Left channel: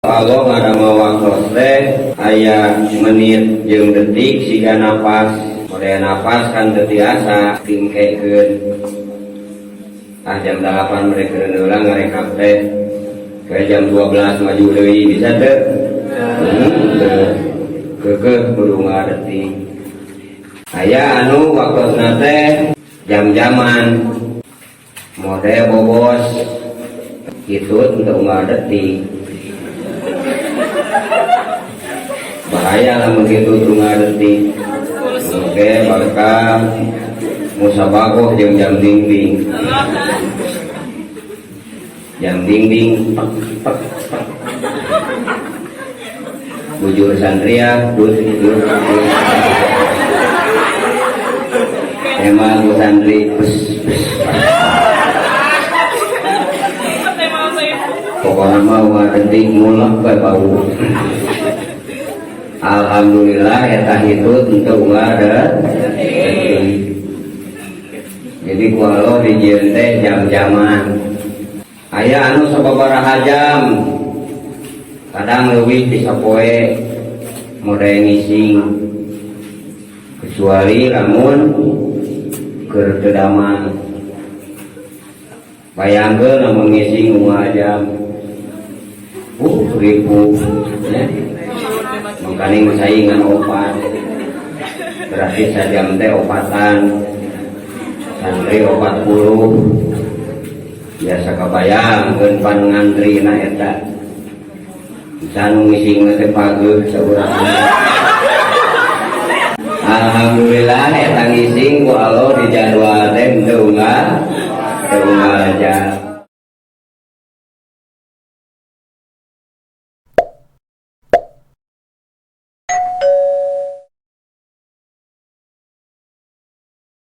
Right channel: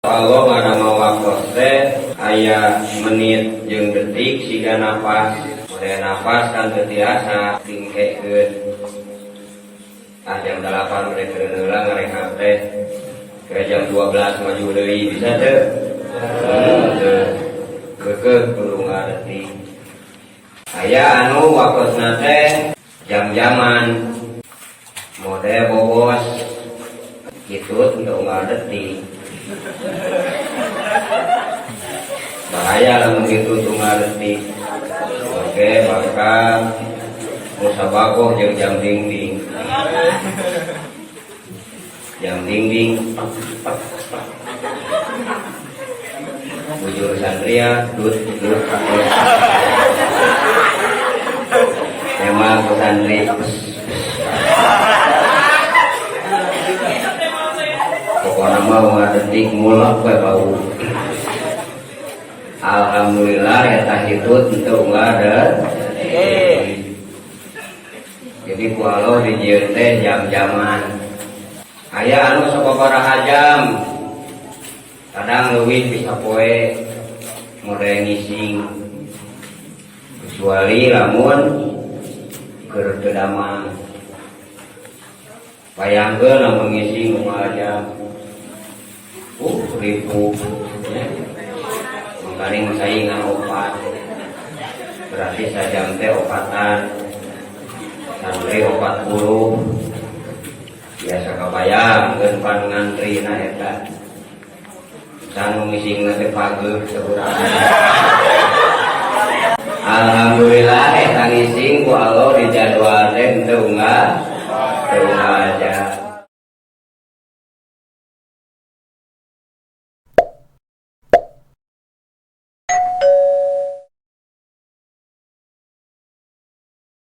Allah ngadama waktos teh aya menit jeung detik siga napas mulai napas kan teu tiasa tingkekeun jam 8 mereka ulang ngarekap teh ke jam 12 maju deui bisa teu keukeuh kudu ngadetik aya anu waktosna teh jam-jaman mode bobos kitu untuk ngadetik bahaya lamun gitu tunggal detik. Oke, maka musabagoh jeung jam dinding. Jam dinding. Bujur santria dut. Tema ku santri. Pokoknya mah detik mulak bae bau. Alhamdulillah eta hitut untuk ada. Jadi ku Allah dijieun teh jam-jaman. Aya anu sababaraha jam. Kadang leuwih di sapoe mode ngising. Kecuali lamun keur teu damang. Bayangkeun lamun ngising 5 jam. Ribu ya. Mengkaning saingan opat berarti sajam teh opatan santri 40 biasa kabayang keun pan ngantrina eta can ngising teh pageuh saurang alhamdulillah eta ngising ku Allah dijadwal teh teu aja